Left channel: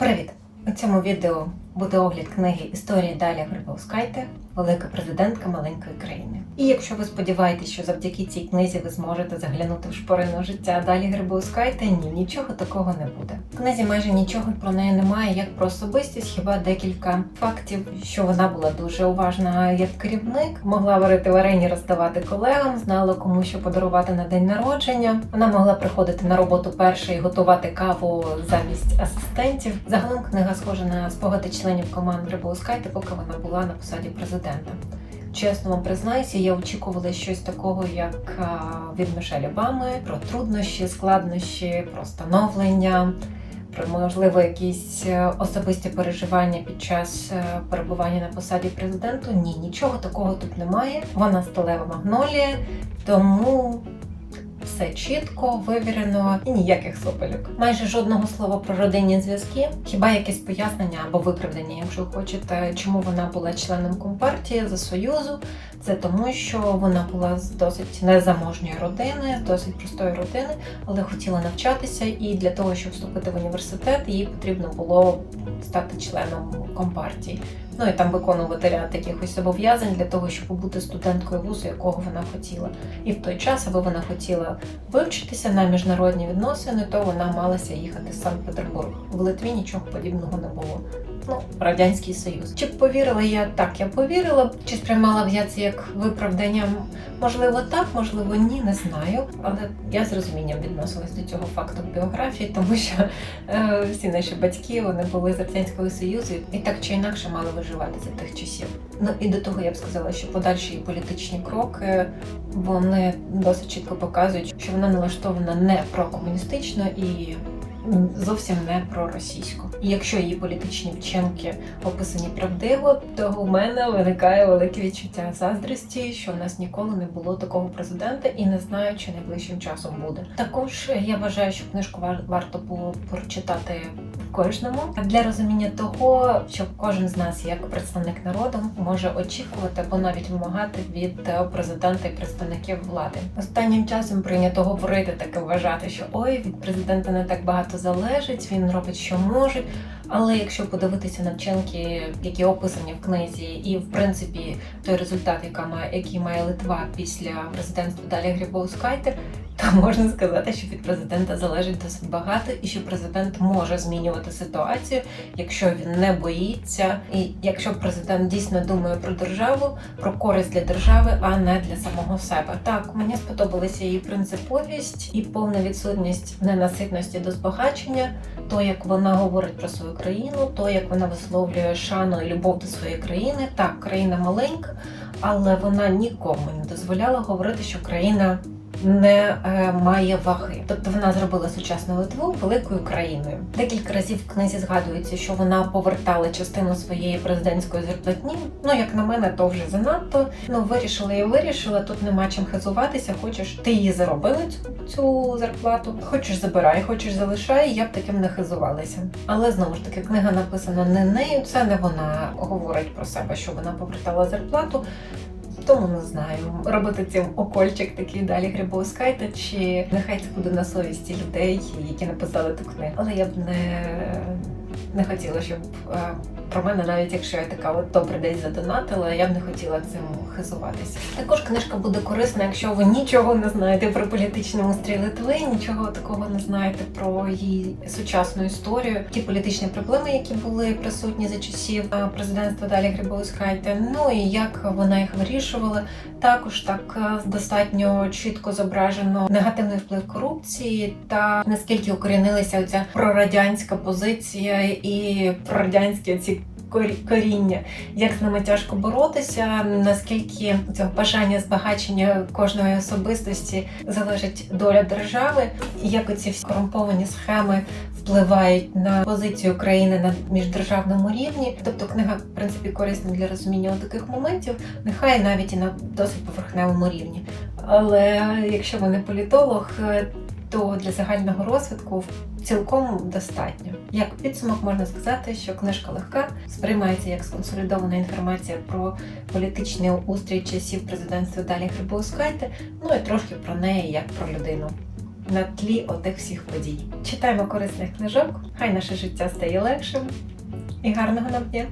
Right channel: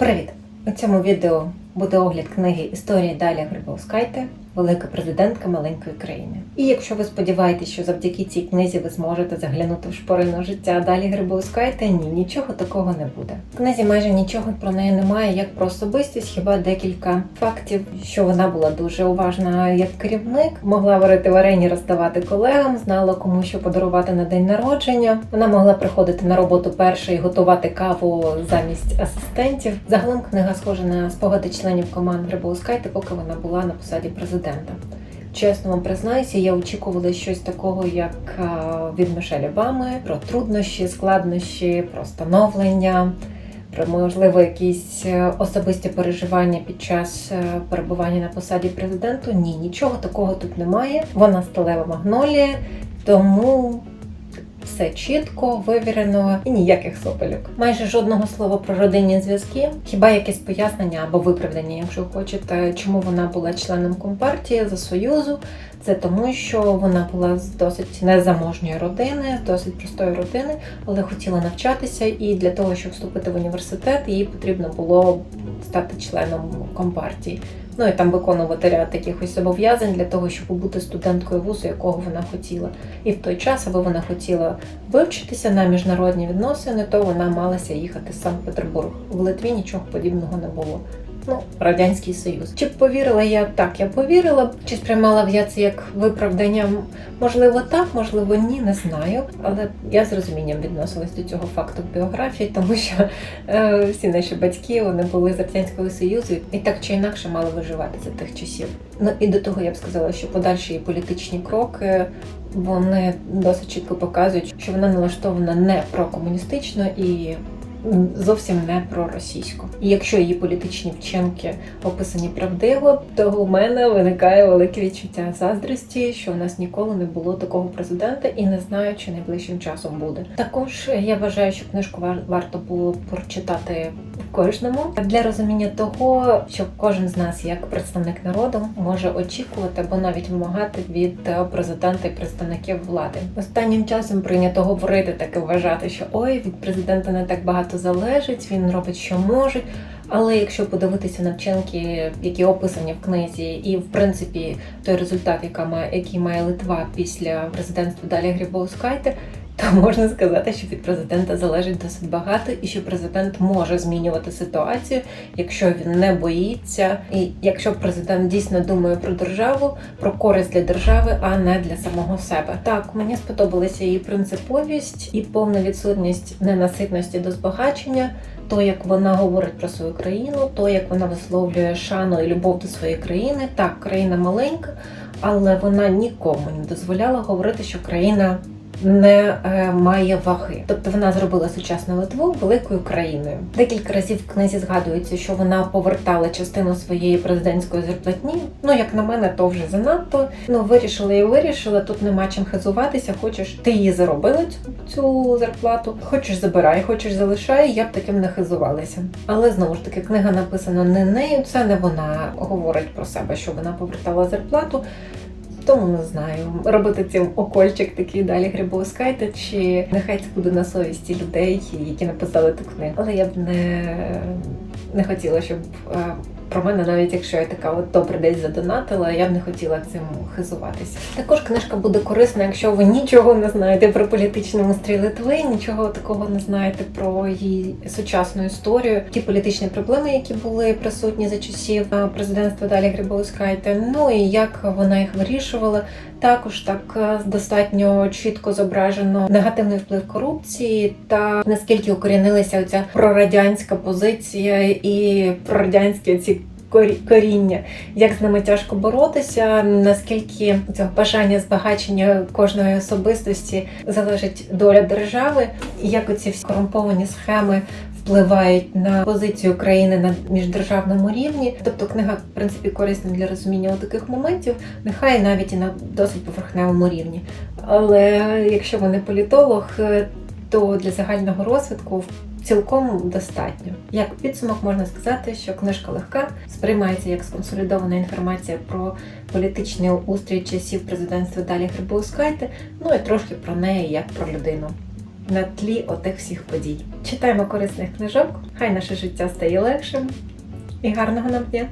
Привіт! У цьому відео буде огляд книги Історії Далі Грибовскайте Велика президентка маленької країни. І якщо ви сподіваєтесь, що завдяки цій книзі ви зможете заглянути в шпорину життя Далі Грибовскайте, ні, нічого такого не буде. В книзі майже нічого про неї немає, як про особистість, хіба декілька фактів, що вона була дуже уважна як керівник, могла варити варені, роздавати колегам, знала кому що подарувати на день народження. Вона могла приходити на роботу перша і готувати каву замість асистентів. Загалом книга схожа на спогади членів команд Грибоускайте, поки вона була на посаді президента. Чесно вам признаюся, я очікувала щось такого, як е, від Мішель Обами, про труднощі, складнощі, про становлення, про можливо якісь е, особисті переживання під час е, перебування на посаді президенту. Ні, нічого такого тут немає. Вона сталева магнолія, тому все чітко, вивірено і ніяких сопельок. Майже жодного слова про родинні зв'язки, хіба якесь пояснення або виправдання, якщо хочете, чому вона була членом компартії за союзу. Це тому, що вона була з досить незаможньої родини, з досить простої родини, але хотіла навчатися, і для того, щоб вступити в університет, їй потрібно було стати членом компартії. Ну і там виконувати ряд якихось зобов'язань для того, щоб бути студенткою вузу, якого вона хотіла. І в той час, аби вона хотіла вивчитися на міжнародні відносини, то вона малася їхати в Санкт-Петербург. В Литві нічого подібного не було. Ну, радянський союз. Чи повірила я так? Я повірила, чи сприймала б я це як виправдання? Можливо, так, можливо, ні, не знаю. Але я з розумінням відносилась до цього факту біографії, тому що е, всі наші батьки вони були з радянського союзу і так чи інакше мали виживати за тих часів. Ну і до того я б сказала, що подальші політичні кроки вони досить чітко показують, що вона налаштована не прокомуністично і зовсім не проросійсько. І якщо її політичні вчинки описані правдиво, то у мене виникає велике відчуття заздрості, що в нас ніколи не було такого президента, і не знаю, чи найближчим часом буде. Також я вважаю, що книжку вар- варто було прочитати кожному для розуміння того, що кожен з нас, як представник народу, може очікувати або навіть вимагати від президента і представників влади. Останнім часом прийнято говорити таке вважати, що ой, від президента не так багато залежить, він робить, що може. Але якщо подивитися на вчинки, які описані в книзі, і в принципі той результат, який має Литва після президентства Далі Грибовскайте, то можна сказати, що від президента залежить досить багато, і що президент може змінювати ситуацію, якщо він не боїться, і якщо президент дійсно думає про державу, про користь для держави, а не для самого себе. Так, мені сподобалася її принциповість і повна відсутність ненаситності до збагачення. То, як вона говорить про свою країну, то як вона висловлює шану і любов до своєї країни. Так, країна маленька, але вона нікому не дозволяла говорити, що країна не е, має ваги. Тобто вона зробила сучасну Литву великою країною. Декілька разів в книзі згадується, що вона повертала частину своєї президентської зарплатні. Ну, як на мене, то вже занадто. Ну, вирішила і вирішила. Тут нема чим хизуватися. Хочеш, ти її заробила цю, цю зарплату. Хочеш забирай, хочеш залишай. Я б таким не хизувалася. Але знову ж таки, книга написана не нею. Це не вона говорить про себе, що вона повертала зарплату. Тому не знаю, робити цим окольчик такий далі грибоускайте, чи нехай це буде на совісті людей, які написали ту книгу. Але я б не, не хотіла, щоб е, про мене, навіть якщо я така от добре десь задонатила, я б не хотіла цим хизуватися. Також книжка буде корисна, якщо ви нічого не знаєте про політичний устрій Литви, нічого такого не знаєте про її сучасну історію, ті політичні проблеми, які були присутні за часів президентства Далі Грибоускайте, ну і як вона їх вирішувала. Також так достатньо чітко зображено негативний вплив корупції та наскільки укорінилася оця прорадянська позиція і прорадянські ці коріння, як з ними тяжко боротися, наскільки цього бажання збагачення кожної особистості залежить доля держави, і як оці всі корумповані схеми впливають на позицію країни на міждержавному рівні. Тобто книга, в принципі, корисна для розуміння таких моментів, нехай навіть і на досить поверхневому рівні. Але якщо ви не політолог, то для загального розвитку цілком достатньо. Як підсумок можна сказати, що книжка легка, сприймається як сконсолідована інформація про політичний устрій часів президентства Далі Грибоускайте, ну і трошки про неї як про людину. на тлі отих всіх подій. Читаємо корисних книжок, хай наше життя стає легшим і гарного нам дня!